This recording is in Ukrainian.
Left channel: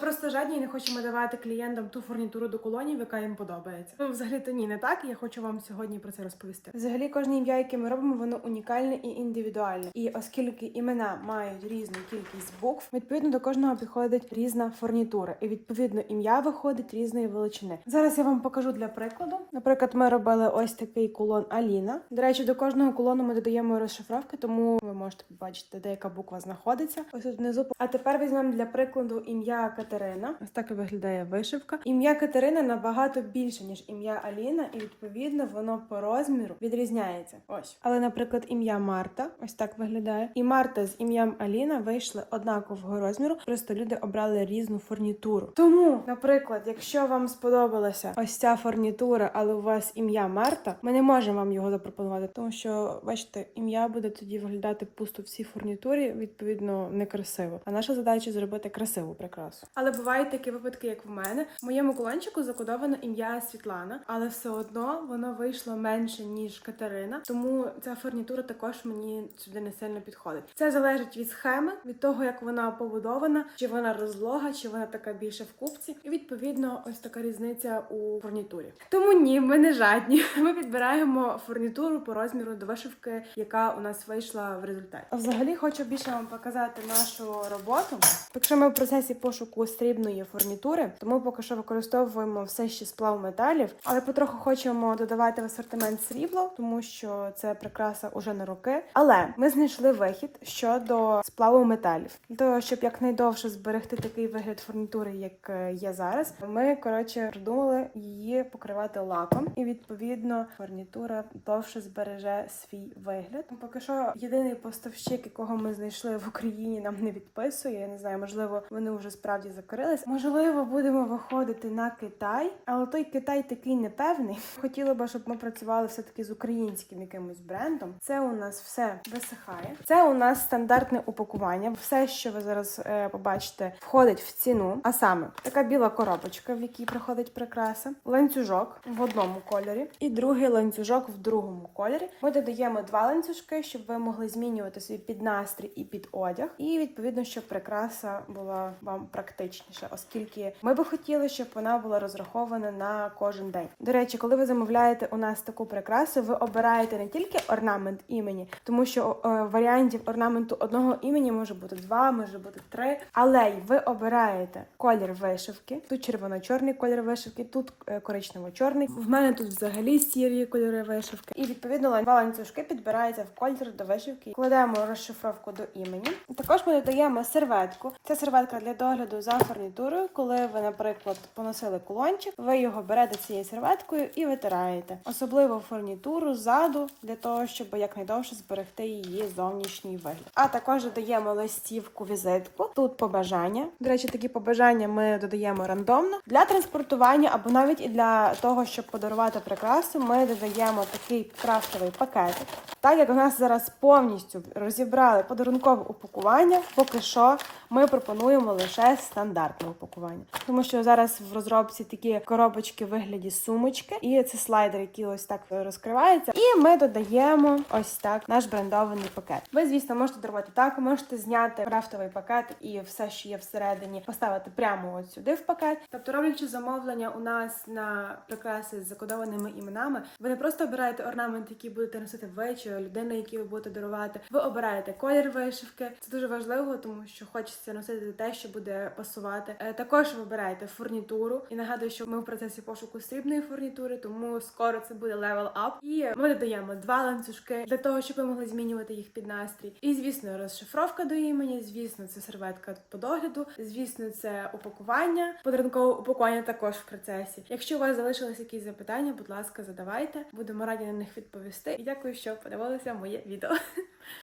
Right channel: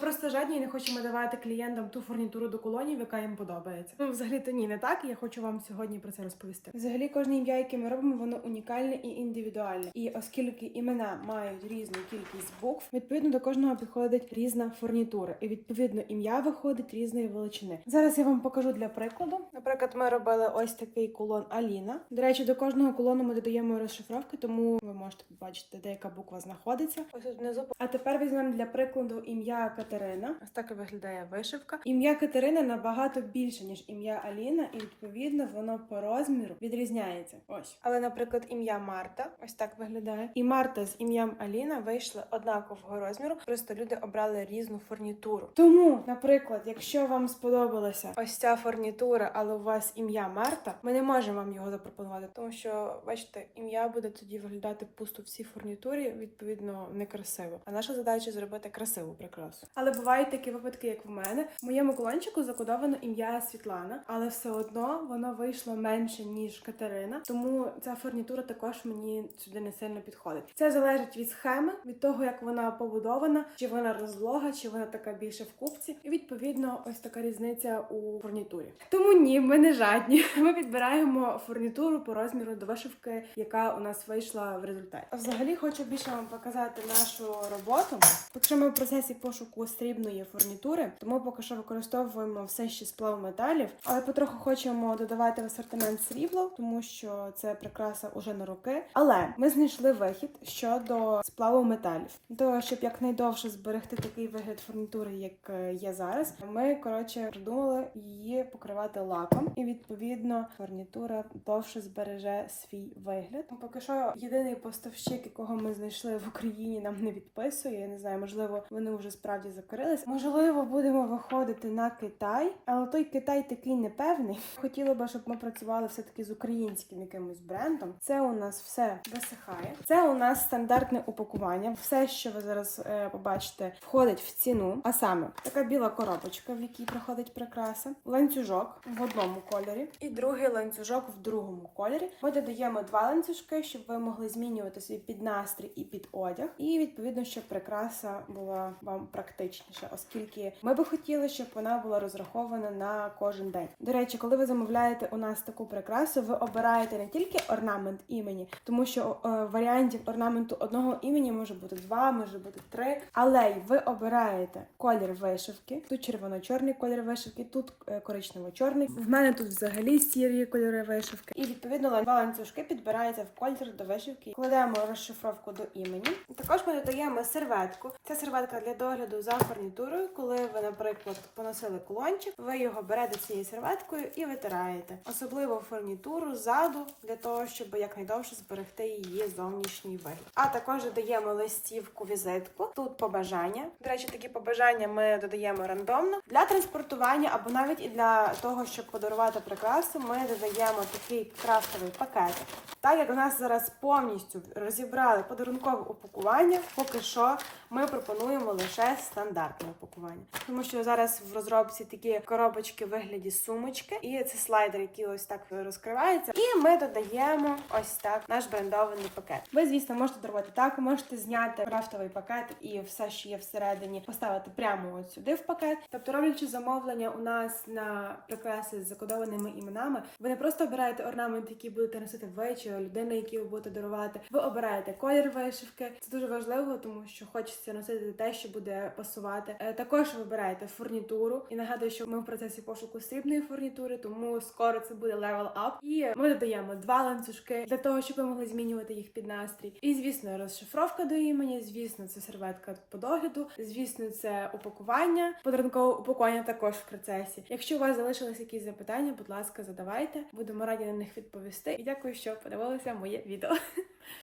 просто жадні і не хочемо давати клієнтам ту фурнітуру до колонів, яка їм подобається. Ну, взагалі то ні, не так. Я хочу вам сьогодні про це розповісти. Взагалі, кожне ім'я, яке ми робимо, воно унікальне і індивідуальне. І оскільки імена мають різну кількість букв, відповідно до кожного підходить різна фурнітура, і відповідно ім'я виходить різної величини. Зараз я вам покажу для прикладу. Наприклад, ми робили ось такий кулон Аліна. До речі, до кожного кулону ми додаємо розшифровки, тому ви можете побачити, де яка буква знаходиться. Ось тут внизу. А тепер візьмемо для прикладу ім'я Катерина. Ось так виглядає вишивка. Ім'я Катерина набагато більше ніж ім'я Аліна, і відповідно воно по розміру відрізняється. Ось, але, наприклад, ім'я Марта ось так виглядає. І Марта з ім'ям Аліна вийшли однакового розміру. Просто люди обрали різну фурнітуру. Тому, наприклад, якщо вам сподобалася ось ця фурнітура, але у вас ім'я Марта, ми не можемо вам його запропонувати, тому що бачите, ім'я буде тоді виглядати пусто в цій фурнітурі, відповідно, некрасиво. А наша задача зробити красиву прикрасу. Але бувають такі випадки, як в мене. В моєму колончику закодовано ім'я Світлана, але все одно воно вийшло менше ніж Катерина. Тому ця фурнітура також мені сюди не сильно підходить. Це залежить від схеми, від того, як вона побудована, чи вона розлога, чи вона така більше в купці. І відповідно, ось така різниця у фурнітурі. Тому ні, ми не жадні. Ми підбираємо фурнітуру по розміру до вишивки, яка у нас вийшла в результаті. Взагалі хочу більше вам показати нашу роботу. Якщо ми в процесі пошуку срібної фурнітури, тому поки що використовуємо все ще сплав металів, але потроху хочемо додавати в асортимент срібло, тому що це прикраса уже на роки. Але ми знайшли вихід щодо сплаву металів. Того, щоб якнайдовше зберегти такий вигляд фурнітури, як е, є зараз, ми коротше придумали її покривати лаком, і відповідно фурнітура довше збереже свій вигляд. Поки що єдиний поставщик, якого ми знайшли в Україні, нам не відписує. Я не знаю, можливо, вони вже справді закрились. Можливо, будемо виходити на Китай, але той Китай такий непевний. Хотіла би, щоб ми працювали все таки з українським якимось брендом. Це у нас все висихає. Це у нас стандартне упакування. Все, що ви зараз е, побачите, входить в ціну. А саме така біла коробочка, в якій проходить прикраса, ланцюжок в одному кольорі, і другий ланцюжок в другому кольорі. Ми додаємо два ланцюжки, щоб ви могли змінювати свій піднастрій і під одяг. І відповідно, щоб прикраса була вам практичніша, оскільки ми би хотіли, щоб вона була розрахована на кожен день. До речі, коли ви замовляєте у нас таку прикрасу, ви обираєте не тільки орнамент імені, тому що е, варіантів орнаменту одного імені може бути два, може бути три. Але й ви обираєте колір вишивки. Тут червоно-чорний колір вишивки, тут е, коричнево-чорний. В мене тут взагалі сірі кольори вишивки. І відповідно два ланцюжки підбираються в колір до вишивки. Кладемо розшифровку до імені. Також ми додаємо серветку. Це серветка для догляду за фурнітурою. Коли ви, наприклад, поносили кулончик, ви його берете цією серветкою і витираєте. Особливо фурнітуру ззаду для того, щоб якнайдовше зберегти її зовнішній вигляд. А також додаємо листівку візитку. Тут побажання. До речі, такі побажання ми додаємо рандомно для транспортування або навіть і для того, щоб подарувати прикрасу. Ми додаємо такий крафтовий пакетик. Так як у нас зараз повністю розібрали подарункове упакування, поки що ми пропонуємо лише стандартне упакування, тому що зараз в розробці такі коробочки в вигляді сумочки, і це слайдер, який ось так розкривається. І ми додаємо ось так наш брендований пакет. Ви, звісно, можете дарувати так, можете зняти крафтовий пакет і все, що є всередині, поставити прямо от сюди в пакет. Тобто, роблячи замовлення у нас на прикраси з закодованими іменами, ви не просто обираєте орнамент, який будете носити ви чи людина, якій ви будете дарувати. Ви обираєте колір вишивки. Це дуже важливо, тому що хочеться носити те, що буде пасувати. Е, Також ви обираєте фурнітуру. І нагадую, що ми в процесі пошуку срібної фурнітури, тому скоро це буде левел ап. І ми додаємо два ланцюжки для того, щоб ви могли змінювати їх під настрій. І звісно, розшифровка до імені. Звісно, це серветка по догляду. Звісно, це упакування. Подарункове упакування також в процесі. Якщо у вас залишились якісь запитання, будь ласка, задавайте. Будемо раді на них відповісти. І дякую, що подивилися моє відео.